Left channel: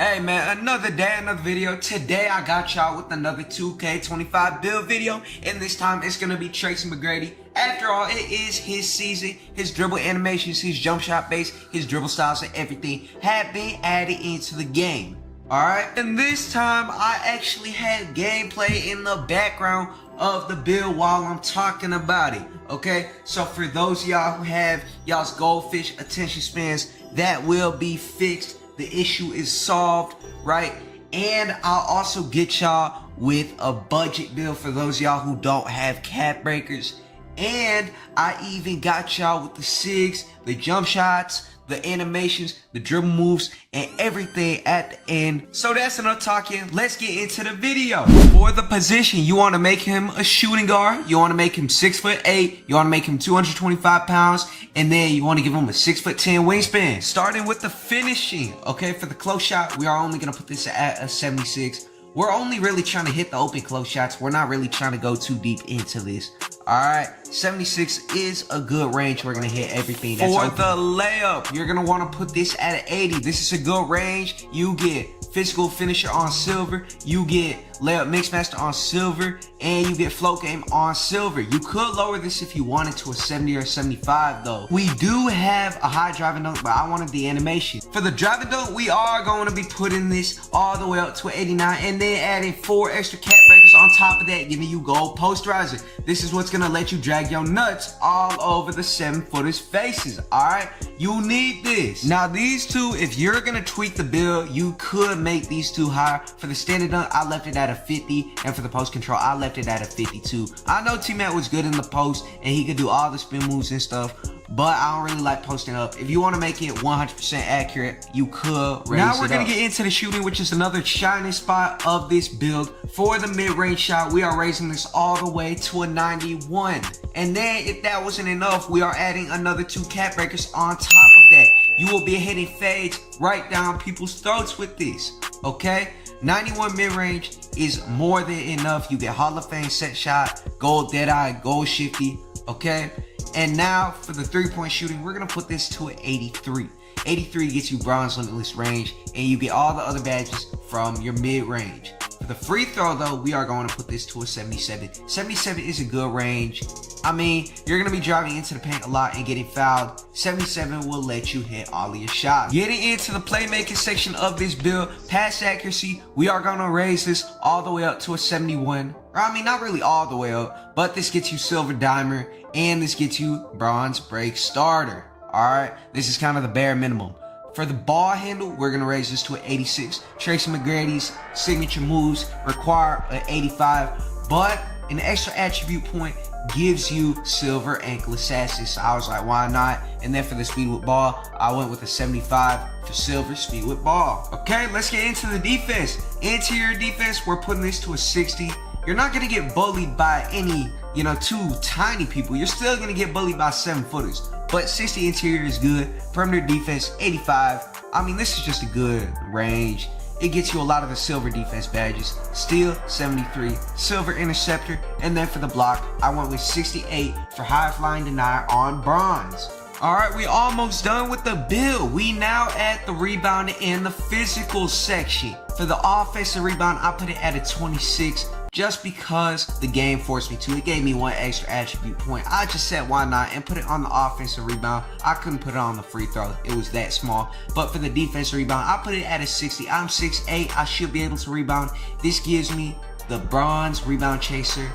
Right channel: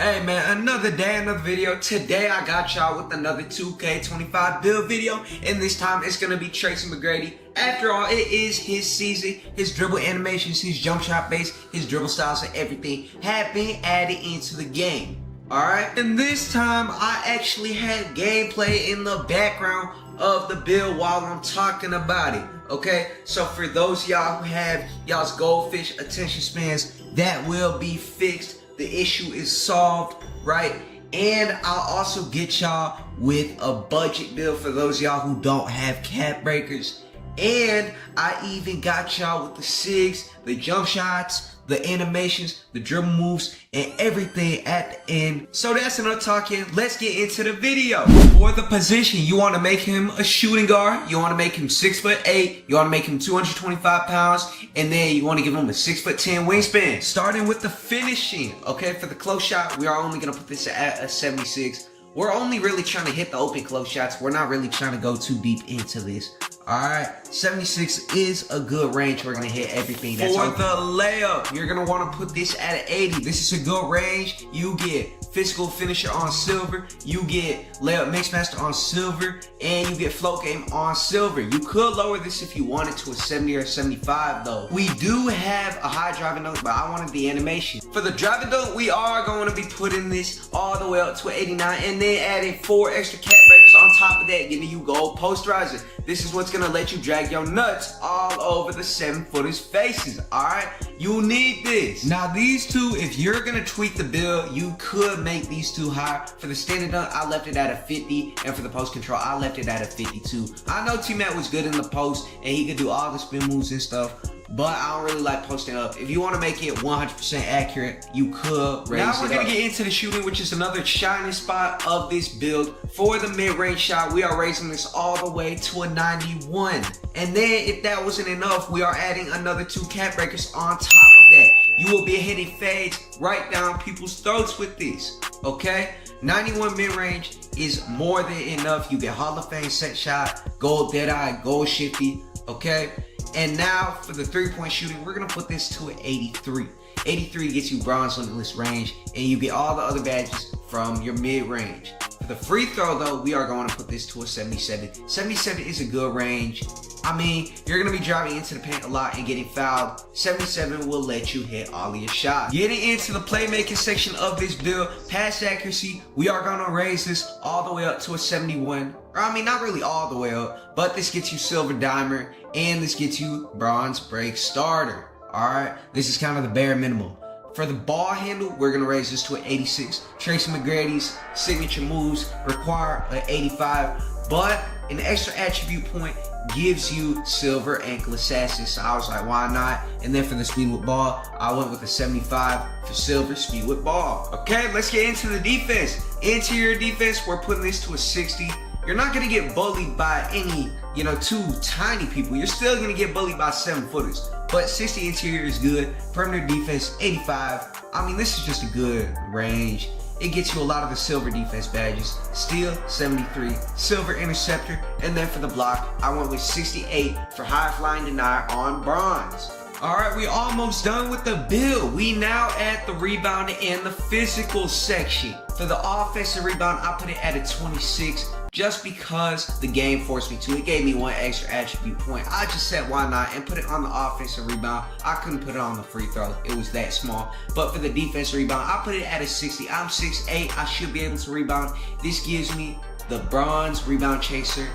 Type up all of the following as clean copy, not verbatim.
Hey man, another day, another video. Today I got y'all with another 2K25 build video, and this time it's gonna be TRACY McGrady. After all, it is his season. His dribble animations, his jump shot base, his dribble styles, and everything have been added into the game. Alright, and this time I actually had gameplay in the background of the build while I'm talking about it. Okay, so for those of y'all who have y'all's goldfish attention spans, that will be fixed. The issue is solved, right? And I'll also get y'all with a budget build for those of y'all who don't have cap breakers. And I even got y'all with the SIGs, the jump shots, the animations, the dribble moves, and everything at the end. So that's enough talking. Let's get into the video. For the position, you want to make him a shooting guard. You want to make him 6'8". You want to make him 225 pounds. And then you want to give him a 6'10" wingspan. Starting with the finishing. Okay, for the close shot, we are only going to put this at a 76. We're only really trying to hit the open close shots. We're not really trying to go too deep into this. Alright, 76 is a good range. We're going to hit everything that's open. For the layup, you're going to want to put this at an 80. This is a good range. You get physical finisher on silver. You get layup mixmaster on silver. And you get float game on silver. You could lower this if you wanted to a 70 or 75 though. We do have a high driving dunk, but I wanted the animation. For the driving dunk, we are going to be putting this all the way up to 89 and then adding 4 extra cap breakers on top of that, giving you gold posterizer. This is what's going to let you drag your nuts all over the 7-footers faces. Alright, you'll need this. Now these two, if you're going to tweak the build, you could make these two higher. For the standard dunk, I left it at a 50, and for the post control, I left it at a 52. I know T-Mac was good in the post and he could do all the spin moves and stuff, but I don't really like posting up. If you want to make it 100% accurate, you could raise it up. Now we're going to get into the shooting, which is another shining spot of this build. For the mid-range shot, we are raising this all the way to a 91. And then if that wasn't enough, we are adding another 2 cap breakers on top of that. You will be hitting fades right down people's throats with this, okay? 91 mid-range is more than enough. You get Hall of Fame set shot, gold deadeye, gold shifty, okay? And now for the 3-point shooting, we're gonna put this to an 83. 83 gets you bronze limitless range, and you get all the other badges from your mid-range. For the free throw though, we are going to put this to a 77. 77 is a good range. I mean, you're gonna be driving into the paint a lot and getting fouled. 77 will let you hit all of your shots. Getting into the playmaking section of this build, pass accuracy, we are gonna raise this all the way up to a 71. I mean, not really all the way up, but this gets you silver diamond, and this gets you bronze break starter. Alright, this is kind of the bare minimum. For the ball handle, we're going to raise this to an 86. TRACY McGrady's signature moves require an 85, but an extra attribute point gives you silver ankle assassin. So I was like, why not? And then for the speed with ball, I went with a 75 for silver speed with ball. Okay, let's get into the defense. Interior defense, we're putting this to a 60. You're not going to get bullied by any, two tiny people. You're still going to get bullied by 7-footers. But 60 interior is good. Perimeter defense, 85. I mean, this is just a good range. It gets you a lot of the silver defense badges. Steel, 73. Silver interceptor. And then for the block, I went with 68 for high flying denier on bronze. Alright, we almost done with the build. We now add the rebound and the physical section. For the offensive rebound, I put it at a 26 just because the game forced me to. It gave me 1 extra attribute point. I just said why not and put it on the offensive rebound. I couldn't put it on the free throw. It was that small. But for the defensive rebound, I put it at a 60. I'm 6'8". I should be able to rebound. This gives me the bronze rebound chaser.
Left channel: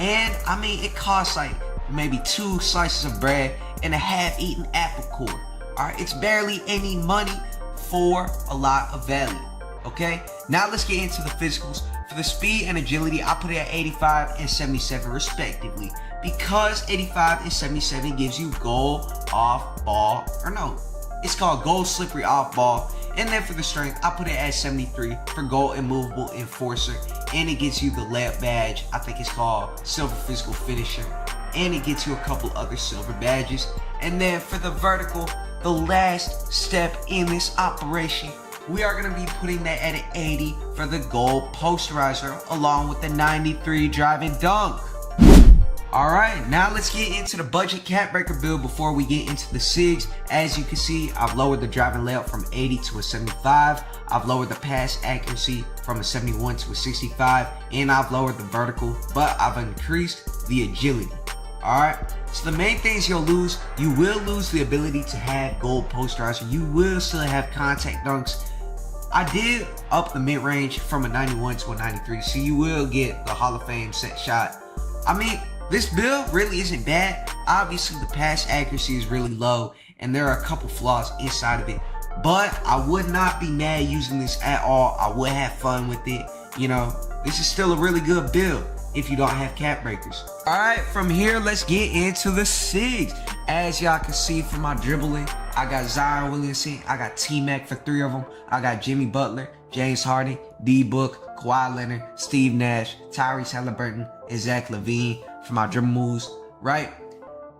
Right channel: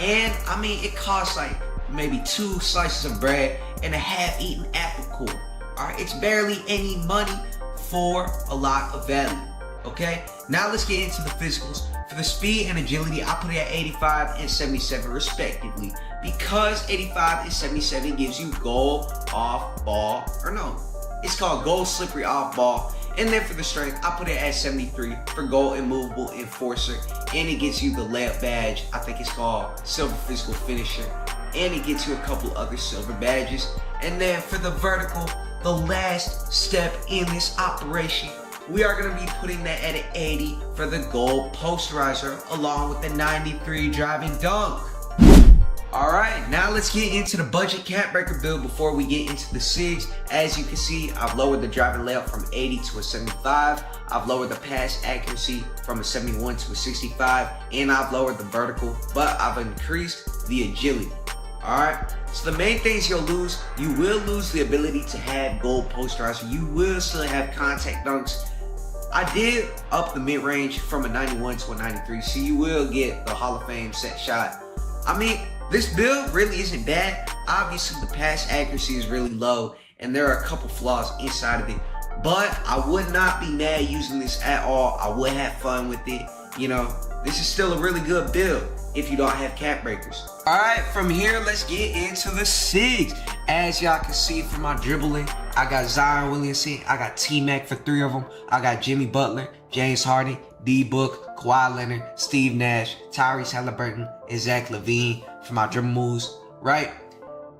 And I mean, it costs like maybe 2 slices of bread and a half-eaten apple core. Alright, it's barely any money for a lot of value. Okay, now let's get into the physicals. For the speed and agility, I put it at 85 and 77 respectively, because 85 and 77 gives you gold off ball, or no, it's called gold slippery off ball. And then for the strength, I put it at 73 for gold immovable enforcer, and it gets you the layup badge. I think it's called silver physical finisher, and it gets you a couple other silver badges. And then for the vertical, the last step in this operation, we are going to be putting that at an 80 for the gold posterizer, along with the 93 driving dunk. Alright, now let's get into the budget cap breaker build before we get into the SIGs. As you can see, I've lowered the driving layup from 80 to a 75. I've lowered the pass accuracy from a 71 to a 65. And I've lowered the vertical, but I've increased the agility. Alright, so the main things you'll lose, you will lose the ability to have gold posterizer. You will still have contact dunks. I did up the mid-range from a 91 to a 93, so you will get the Hall of Fame set shot. I mean, this build really isn't bad. Obviously, the pass accuracy is really low, and there are a couple flaws inside of it. But I would not be mad using this at all. I would have fun with it. You know, this is still a really good build if you don't have cap breakers. Alright, from here, let's get into the SIGs. As y'all can see from my dribbling, I got Zion Williamson, I got T-Mac for 3 of them, I got Jimmy Butler, James Harden, D-Book, Kawhi Leonard, Steve Nash, Tyrese Halliburton, and Zach LaVine for my dribble moves, right?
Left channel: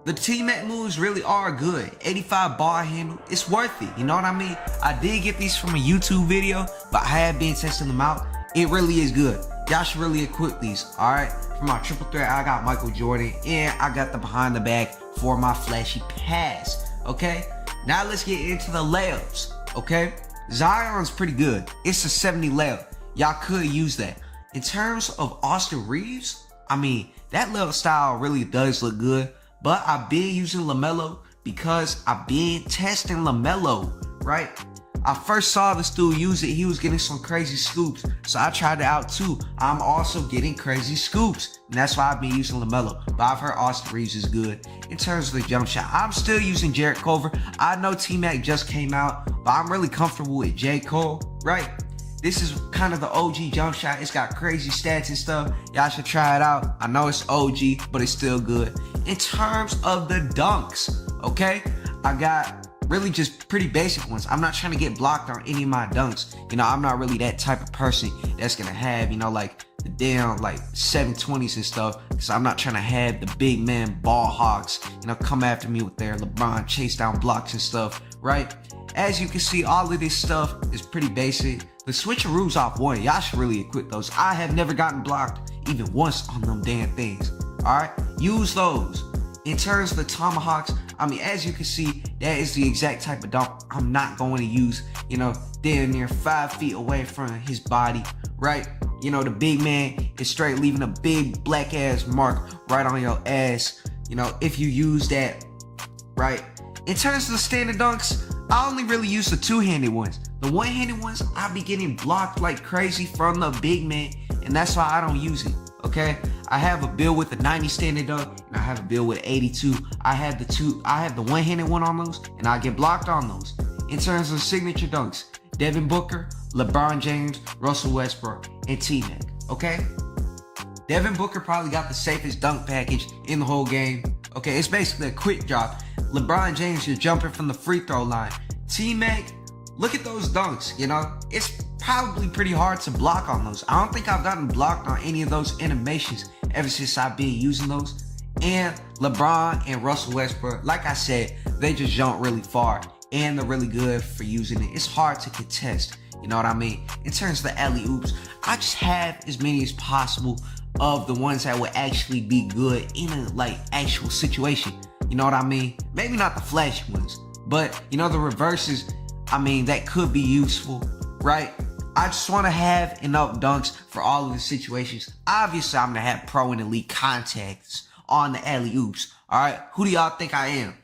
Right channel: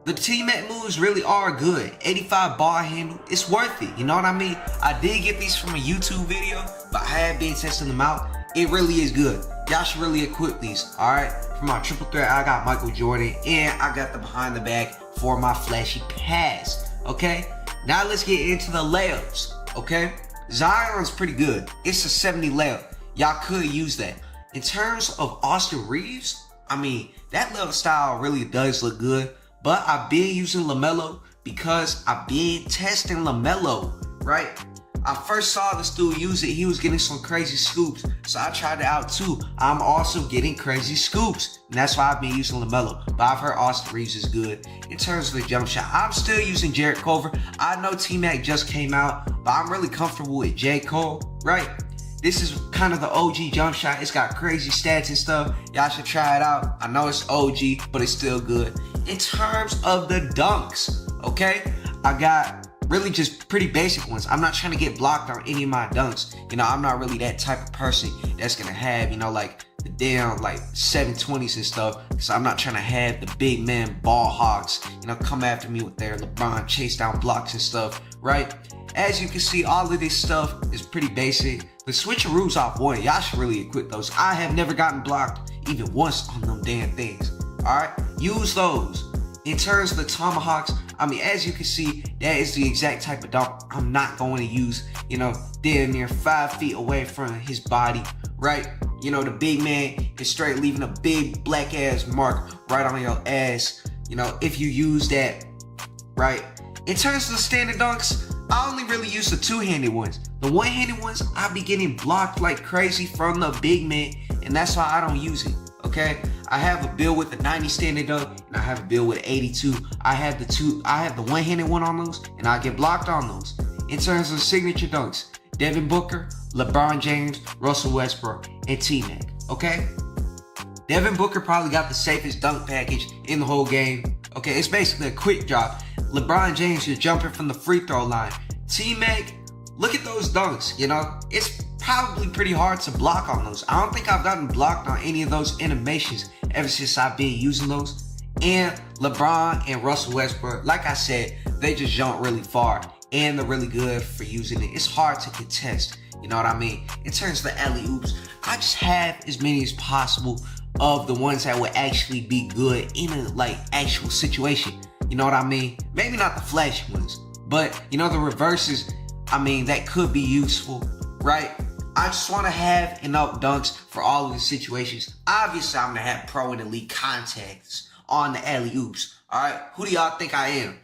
The T-Mac moves really are good. 85 ball handle, it's worth it, you know what I mean? I did get these from a YouTube video, but I have been testing them out. It really is good. Y'all should really equip these, alright? For my triple threat, I got Michael Jordan, and I got the behind the back for my flashy pass, okay? Now let's get into the layups, okay? Zion's pretty good. It's a 70 layup. Y'all could use that. In terms of Austin Reeves, I mean, that layup style really does look good, but I've been using LaMelo because I've been testing LaMelo, right? I first saw this dude use it. He was getting some crazy scoops, so I tried it out too. I'm also getting crazy scoops, and that's why I've been using LaMelo. But I've heard Austin Reeves is good. In terms of the jump shot, I'm still using Jarrett Culver. I know T-Mac just came out, but I'm really comfortable with J. Cole, right? This is kind of the OG jump shot. It's got crazy stats and stuff. Y'all should try it out. I know it's OG, but it's still good. In terms of the dunks, okay? I got really just pretty basic ones. I'm not trying to get blocked on any of my dunks. You know, I'm not really that type of person that's gonna have, you know, like the damn like 720s and stuff. So I'm not trying to have the big man ball hogs, you know, come after me with their LeBron chase down blocks and stuff, right? As you can see, all of this stuff is pretty basic. The switcheroos off one, y'all should really equip those. I have never gotten blocked even once on them damn things. Alright, use those. In terms of the tomahawks, I mean, as you can see, that is the exact type of dunk I'm not going to use, you know, damn near 5 feet away from his body, right? You know, the big man is straight leaving a big black ass mark right on your ass, you know, if you use that, right? In terms of the standard dunks, I only really use the two-handed ones. The one-handed ones, I be getting blocked like crazy from the big man, and that's why I don't use it, okay? I have a build with the 90 standard dunk, and I have a build with 82. I have the one-handed one on those, and I get blocked on those. In terms of signature dunks, Devin Booker, LeBron James, Russell Westbrook, and T-Mac, okay? Devin Booker probably got the safest dunk package in the whole game. Okay, it's basically a quick drop. LeBron James, you're jumping from the free throw line. T-Mac, look at those dunks, you know? It's probably pretty hard to block on those. I don't think I've gotten blocked on any of those animations ever since I've been using those. And LeBron and Russell Westbrook, like I said, they just jump really far and they're really good for using it. It's hard to contest, you know what I mean? In terms of the alley-oops, I just have as many as possible of the ones that would actually be good in a like actual situation. You know what I mean? Maybe not the flashy ones, but you know, the reverses, I mean, that could be useful, right? I just want to have enough dunks for all of the situations. Obviously, I'm going to have pro and elite contacts on the alley-oops, all right? Who do y'all think I am?